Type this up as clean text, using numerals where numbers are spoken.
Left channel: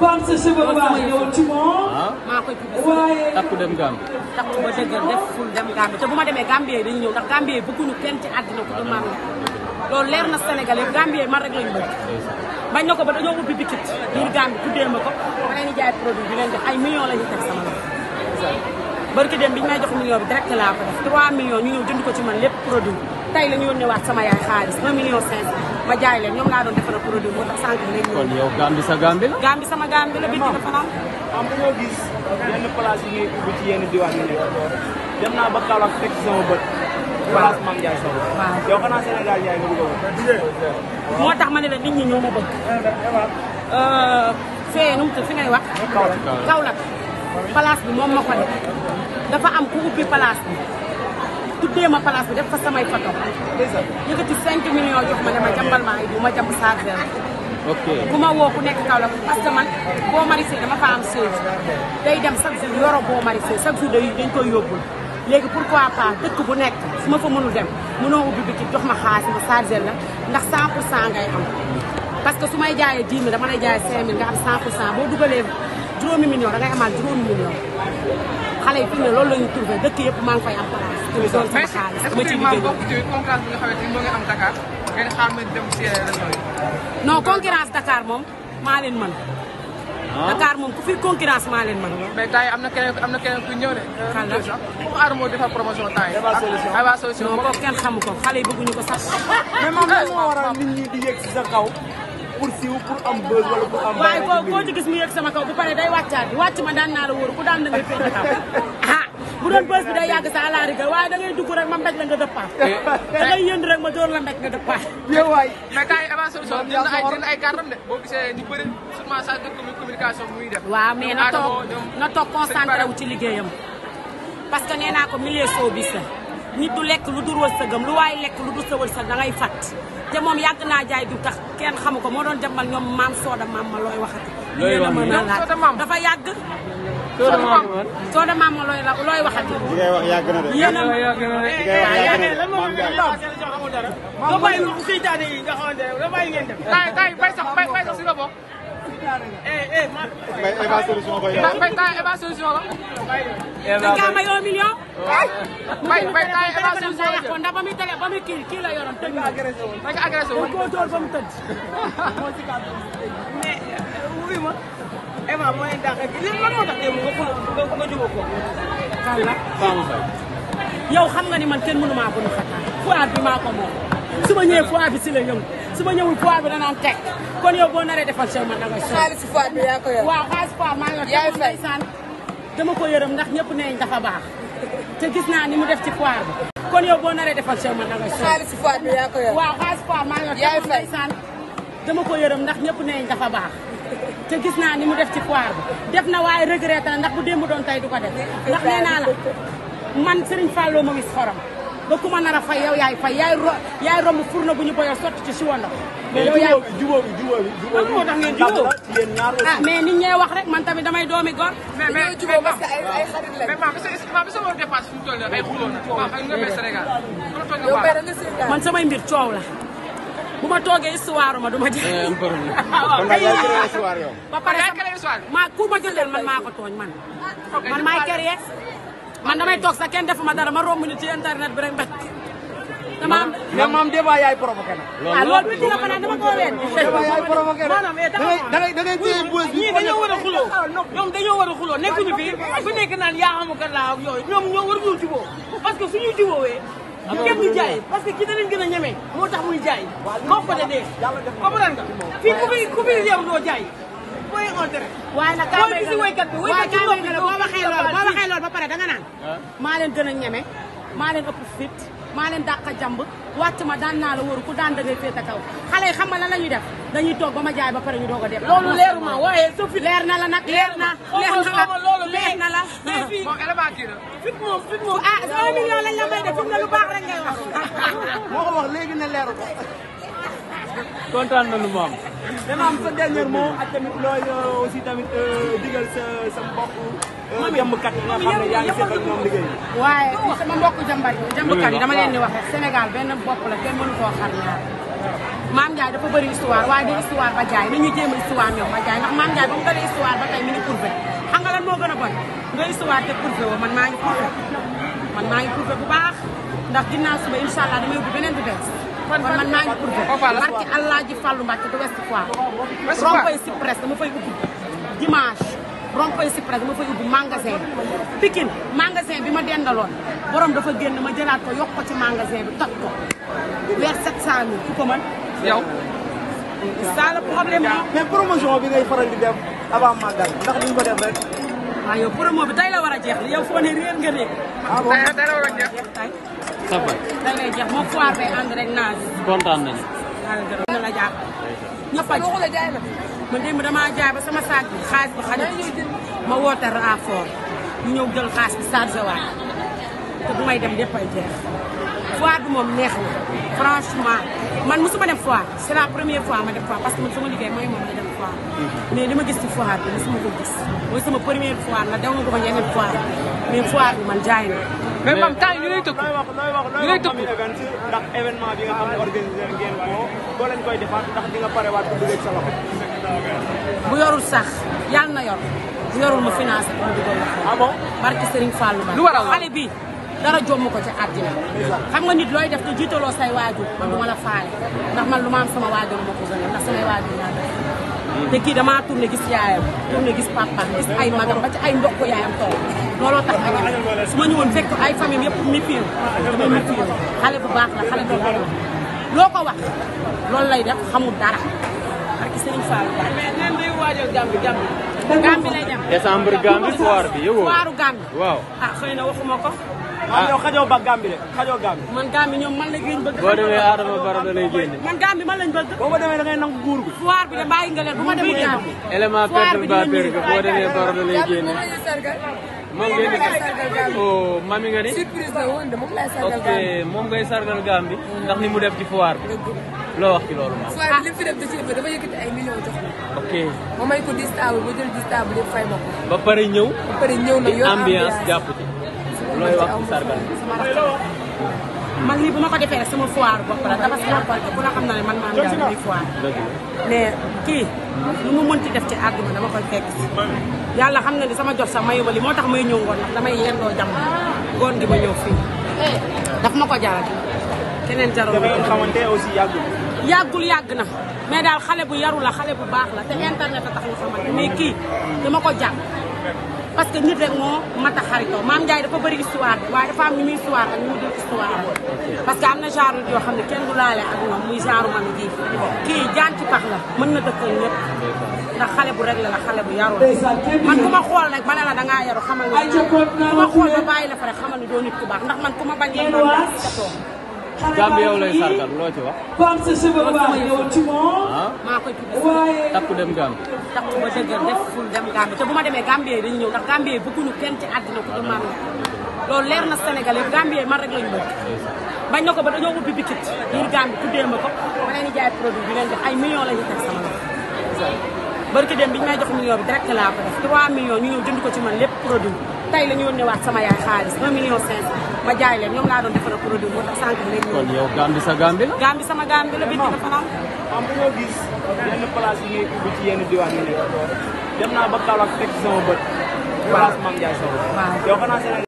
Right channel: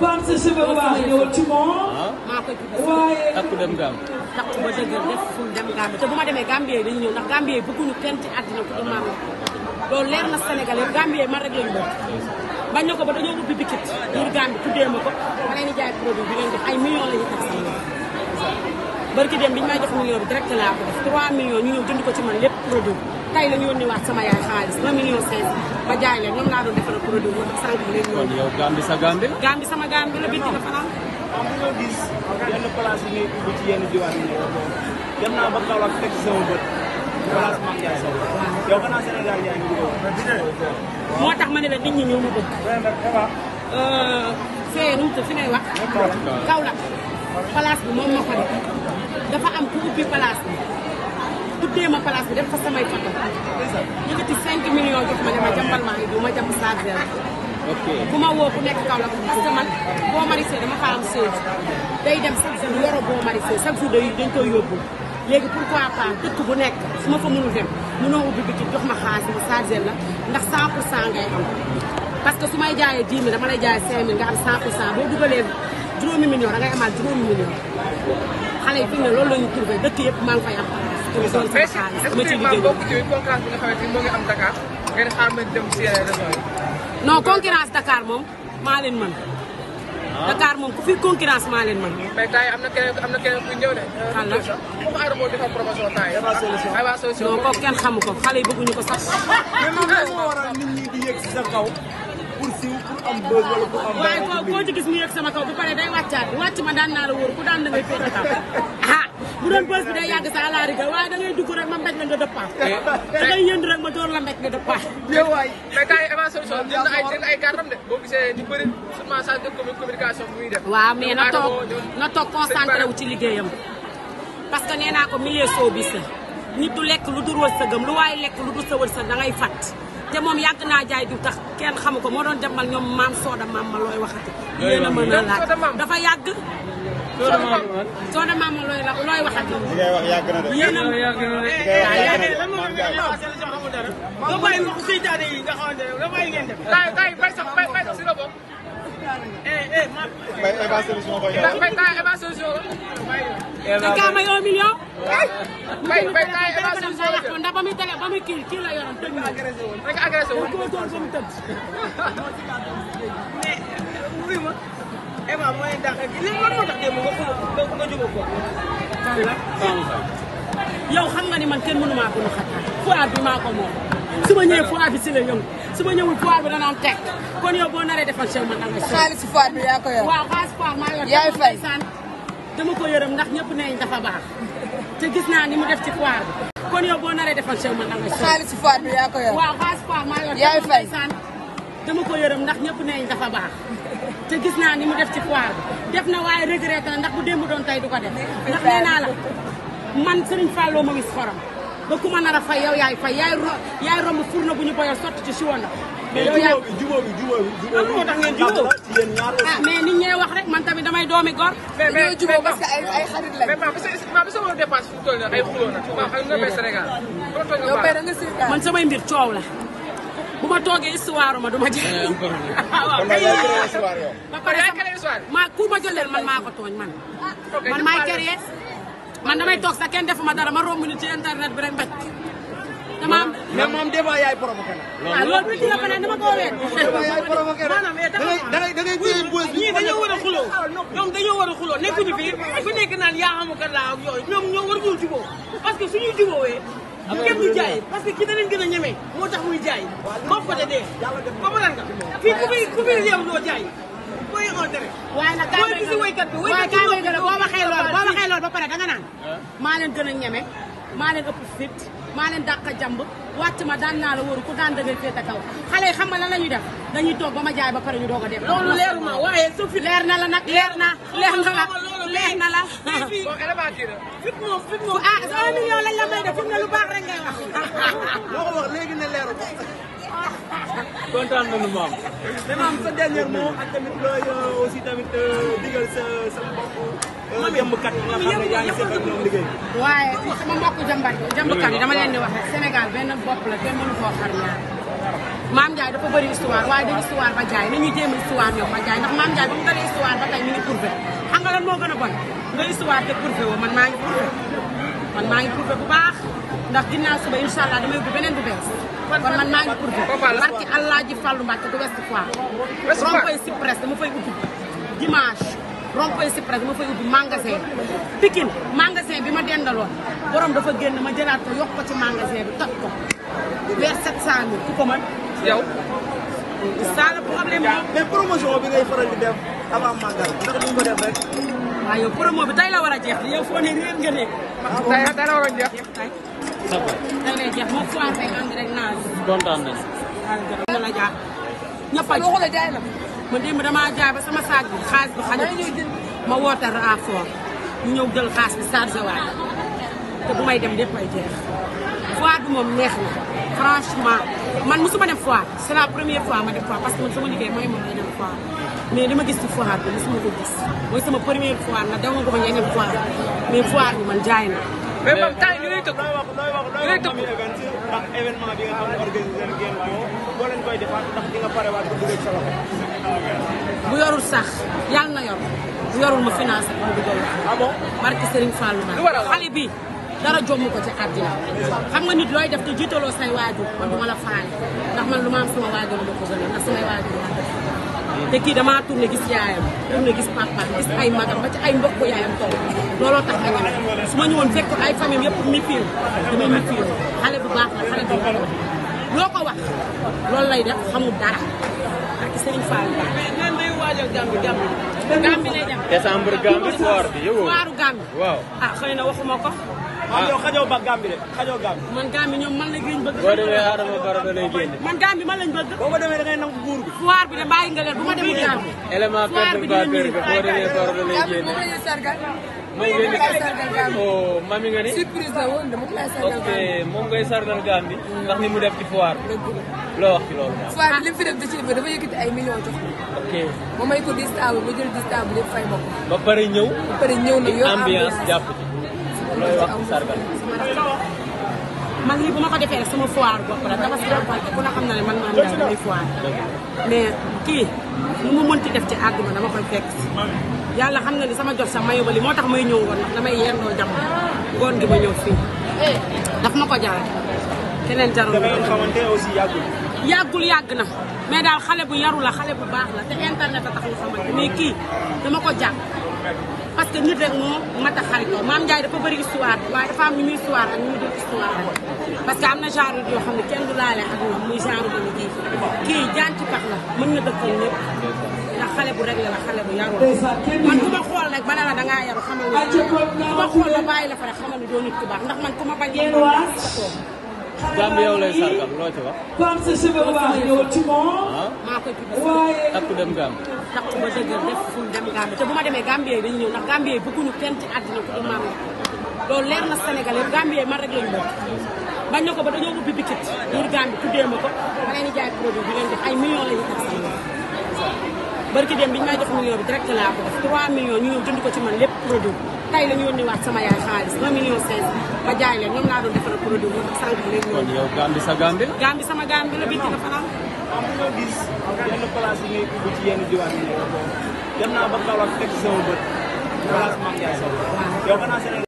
comme ce cheveu baax yow ci moom. maa koy tudd. waaye takku dem Gambie. takku ba dëgër def ful dem Gambie te bu ma demee Gambie dañu ñëw ndax Gambie bëgguñu kenn ci àddina ku dul maam la loolu leer na Sénégal yi Gambie man rek lañu bëgg bañ na ko ba dañoo ubbi bitik biir Gambie tuddee ma ko ma leen di jaay produit di leen def ay millions la ñuy teg sama loxo barki dem bi ñu may jox million bi direct laa ko def 3 millions ñu ñëw jënd ko ci man lépp produit tey la ñu yónnee waat sama yaay xaalis 1 million 500 ma jaay leen ñoom laa doon defal produit moo tax sànq bi lañ ñëw. yow Gambie sa Gambie la. Gambie sama Gambie la bitti dafa naan. am dañoo gis yenn place yi ngay ubbi ci yenn diwaan yi ne dem naa ba Kaolack fekk sama bët. waaw man Ndiaye sa bët. waaw yow xanaa Sénégal Ndiaye nga bëgg moo tax ma ne la nit ñi ñoo ma bëgg. fee nu mu tudd fi ngay wax. Kaolack place bi moom ma ko def dafa am ku ubbi place bi tuddee ma place bi def fa samay photo yëkkati 5 millions jox ma ne ma jàmbal maa ngi bu ma jàmb chargeur. ok ku ma woo ku nekk Kaolack parce que man boo marisé dama fa am séeréer day dem chaque jour yoro boo marisé chaque jour dañ koy yóbbul léegi pourquoi pas dëkk bu nekk su ma fa mënul dem mënoo ubbi bi ci jox ma xaalis ma chargeur la ndax 100% ngay am. parce que su may jaayee 10 000 dama lay jaayee 5 000 nga am 100% boo dugalee juróomi million da ngay amaat juróomi million xale yi fi mu ne loolu la ñuy trouvé dëkk yëpp maa ngi fay am place pour doon sama xaalis dama ci liggéey. bokk ci concurrence bi nga xamante ni moo ngi am Dakar ngeen xaar ma dem ci région yi. non concurrence Dakar moom maa leen mën Dakar moom ku fi concurrence maa leen mën. mais gars yi am na kenn ku ñëw de. xal la foofu aar moo defal promotion temps yi. Aba solution non kooku kenn xamu ko xale yi bëgguñu ko sax. mais moom moo waral nit ñi di yegg si sa kaw pour siiw pour am buzz wala pour am. waaye koo ci gis mu yegg sama kaw bu paree day wàccaat bi wàcc ma daan naa la wóor ku daan da ngay féete kaw ah bu doon bës bi day yàgg sa àlaari ga waaye da ngay dugg rek ma mbéj la nga dëppaat da ngay yënd rek ma door la mbéj nga dëppaat. mais gars yi Aba solution jënd ay kàrtam de boo gisee ñu bëri souvent saa de communication bu muy def. waaw mais na toog concentré wu ci liggéeyam parce que nee naa ko milieu showbiz la nit du lekk lu dul wërsëgam lu waaye lekk lu dul sa wërsëg da ngay fat te moom yàgg naa jaay du tax kenn xamu ko moo doon jàmbal ñoom maam sooda maam ma looy waxati yéen a mën a laaj dafa yàgg sooda maam ma looy waxati yéen a mën waaw yàgg bay sax si nga bokk. Aba solution da nga may 1 million. bay Aba solution ndax ba muy tege ba muy kii la yoroon tëj na. rek agressé wu. ko tóor ba mu tëj. yow xam nga ni man kenn mënu maa ko nu xataan foire bi maa ko moom su ma ñëwee foire bi si la yëngu su ma ñëwul foire bi danaan teg kon yow boo naree defal sey man da nga sol waaw xaalis foire maa yor te ndeysaan dama ko yërëm ndax ñëpp neeñ dafa baax te gis naa ni mu def ci foire bi kon yow boo naree defal sey man da nga sol waaw xaalis foire maa yor te ndeysaan dama ko yërëm ndax ñëpp neeñ dafa baax te gis naa ni mu def ci foire bi def na waaye regretté na ndax bu démb doon tey du ko def ndax nee naa la man Serigne Fallou ma wis xorom ba ku ma nar a fay yow yaay fay yaay romb fourneau bu ñu boyoo sotti ci siwo ndox. yow yaay jubóo ah mais nit ñee wax rek man tamit damay doomi gor. mais maam bi sa wàllu dépense fu mu toll nii ay xuloo na maam ak nga bay Sénégal loolu toog nga maam. man samay mbir coow la bu ma toogee histoire ma du ma jaay. ba pare maa ku ma jël man maa ko tooñ man maay créé man damay toog sax kenn defuma dara ma romb ni ci internet bi rek mbéj dama am. yow moom débat yaay provoqué. waaw loolu bi ci la fanaan dama koo wéet. da ngay ñii dañoo war a xuloo ñoom dañoo war a xuloo nekkuñu fi ku nekk naan yaa amu kan laa am yooyu ñoom ñoo war a dul jubóo parce que suñu jubóowee bu kenn du jaay parce que ki danañ gën a ñeme moo tax muy jaay bopp de dee comprendre nga fii ku muy yeew doo jaay booy xool dara waaye nag kaa may gën a boo waxee loolu ba pare danga naan maa leen gën a ñeme maa leen ëpp fit maa leen dàq jàmb wàcc ma daan naa la wóoru ku daan dëgër féete kaw xale yi xam nga lan la ñuy def dañuy toog ba ma jaay ba pare ñu doog a def. loolu leer na la nag leer na la. moom élément kii la. ah 1 million lañ la may def fi mu ne lu baax rek ngay wax. moo ko wax léegi ne leer. kontaan nañu moom. dama am sa dernier mot ak tamit looy aussi tamit digal sa mbokk jàmbkat yi nga xam ne yaa ngi seet ak ñoom liggéey. waaye sama mbokku jàmbkat yi dama leen di wax rek Sénégal benn bopp la kenn mënu koo xar ñaar Mame Ndiaye dafa bëri histoire waaye du histoire ba jaay ni ñuy jéem a histoire ñoom ba jaay ndax Mame Ndiaye ba mu bëri histoire ba tey mi ngi prouvé xam nga lan moo gën a bon nga histoire te prouvé woo man maa ngi prouvé bu baax ndax ginnaaw suba incha allah damay ubbi beneen bu bees kon man maa ngi prouvé barki Allah ji Fallou Mbacke du Ouest Foire rond-point Cyprès dama fay ubbi dimanche rond-point Cyprès dama fay ubbi magasin Pikine magasin bi ma dendaloon borom dafa génn ma jëlaat ko yokk ko ci magasin bi toj ko vers 700 000 ku ko mën yow. ça le problème mais promotion bi ngay faral di def avant magal ndax duñ ko def rek. waaw yow promo bi tey la war a jeex yow foo ne réer nga réer. tey la war a jeex. tey lay jeex moom foire bay ànd rek naa ji. kontaan nañu. waaw jërëjëf la jàpp ñëpp a ji ma démb damaa jaay ba sama saag bi xaalis bi xajatu ma woote rapport ñu ñëw jël xaalis bi chargé waat te bu may dem lépp ay jeex foire bi moom neex na franchement man mosuma dem foire c'est la première fois ma dem foire parce que man sama liggéey mooy moom ma dem foire mais li ma gis ci foire bi mosuma ko gis mooy sama première fois nag daw na ko ma yeneen foire mais foire bi man jaay na. mais moom temps yi lay tëkk yi lay tëkk. ndax événement bi nga xam ne organisé ngeen ko boo leen koy defaat ndax di nga parewaat ko dugal ci bu yorul sax yàlla na yor bu yorul ma financé ko mu dugal la xel barki Serigne Fallou Ba. lu waral xale bi dara jomm ko ci àddina xam nga nit looy def te jiitaloo say waajur man du ma la faale ndax man lu ma am sama waajur ma ko gënal ndax samay waajur laa def te kii damaa tourné gis yaayam tourné gis papaam gis ay magam ba ci ay mbokk yaayam toog looloo tax ma ñeme su ma ñëwoon fekk ay famille yëpp mi fiiw damay mi fiiw xale bu baax la xale bu yar la loo ko wax loolu lay def xamul dara ak Serigne Fall Ba. mais ñaan day waajal Gambie Gambie lay dem. décembre Gambie foire bi yow. foiru Gambie. waaw. ah xëy na waxuma ko. yow xajoo ba Gambie de xajoo Gambie. man Gambie ñoom man la génn bëgg. boo demee Adama Barrow da lay génne. man Gambie man lañ bëgg. boo ko demee da ngay nangu buur bi. foire bi de bàyyi nga leen bu ma demul Gambie. élément foire bi dina perturbateur bi boo demee Barrow da lay génne. moom lay sargal Gambie. oh mami nga ni. surprise la woon de moom lay sargal Gambie. moom ngay sargal Gambie. ndax ni mu def ci foire bi. dëgg la loo wax ci loolu. foire bi li mu fi def da ci dafa yëkkati ay millions jox ko. ok ma may ko 10 table ba jël 10 table yëpp fay ma ko. ba pare ñëw. ba pare ñëw nag yor ambiance ambiance. jàpp ci. man ci aw ma man lii bu ma ko defee rek sama foire bopp la dafa si ku la xam na ne man maa ngi daal muy foire mais kii lu mu mënti def ci àdduna dama koy fekk yàlla xam na ni sama jot sax mayu ba li moo tax may ñëw ngoon ndax damay yendoo jàmm ngoon gi ma ñëw fii daf ma ko jaral keneen jarul ma ko aussi yàggul yàgg na mais daal xale bu yaru la xale bu baax la te internet a tax nga xamante mais kii dama ko jàng parce que nit rek moo mat a xaritoo Mame Ndiaye dafa bëri histoire waaye dafa am ñu muy histoire ak ñu dul histoire parce que am na genre yoo xam ne kenn du laale ak ñoom muy genre man kii jaan ci pax la mën na dëkkal ñëpp ndax xale bu réglé la xale bu yaru la man ku ma xool rek ba ne la dangaa yaru xamal ni ku ma xool ba bàyyi la fa rek xamal ni doo nit ku baax ndax man ku ma bañ la Mame Ndiaye sa toog Gambie yow lay sargal loo ci wax. Comme ce cheveu blanc, tu montes. maa koy tudd takku dem Gambie. takku ba dëggal def ful dem Gambie te bu ma demee Gambie yi dañu ñëw ndax Gambie yi bëgguñu kenn ci àddina ku dul Mame Ndiaye loolu leer na Sénégalais Gambie yi man rek lañu bëgg bañ na ko ba dañoo ubbi bitik biir Gambie tuddee ma ko ma leen di jaay produit bi leen def ay millions la ñu teg sama loxo bari dem bi ñu may jox million bi direct laa ko def 3 millions ñu ñëw jënd ko ci man lépp produit tey la ñu yónnee waat sama yaay xaalis 1 million 500 ma jaay leen ñoom laa doon defal produit moo tax sànq bi léegi ñëw yow Gambie sa Gambie la. Gambie sama Gambie la bitti dafa naan am nañoo gis yenn place yi ngay ubbi ci yenn diwaan yi dem na ba Kaolack fekk sama bët. waaw Mame Ndiaye waaw yow xanaa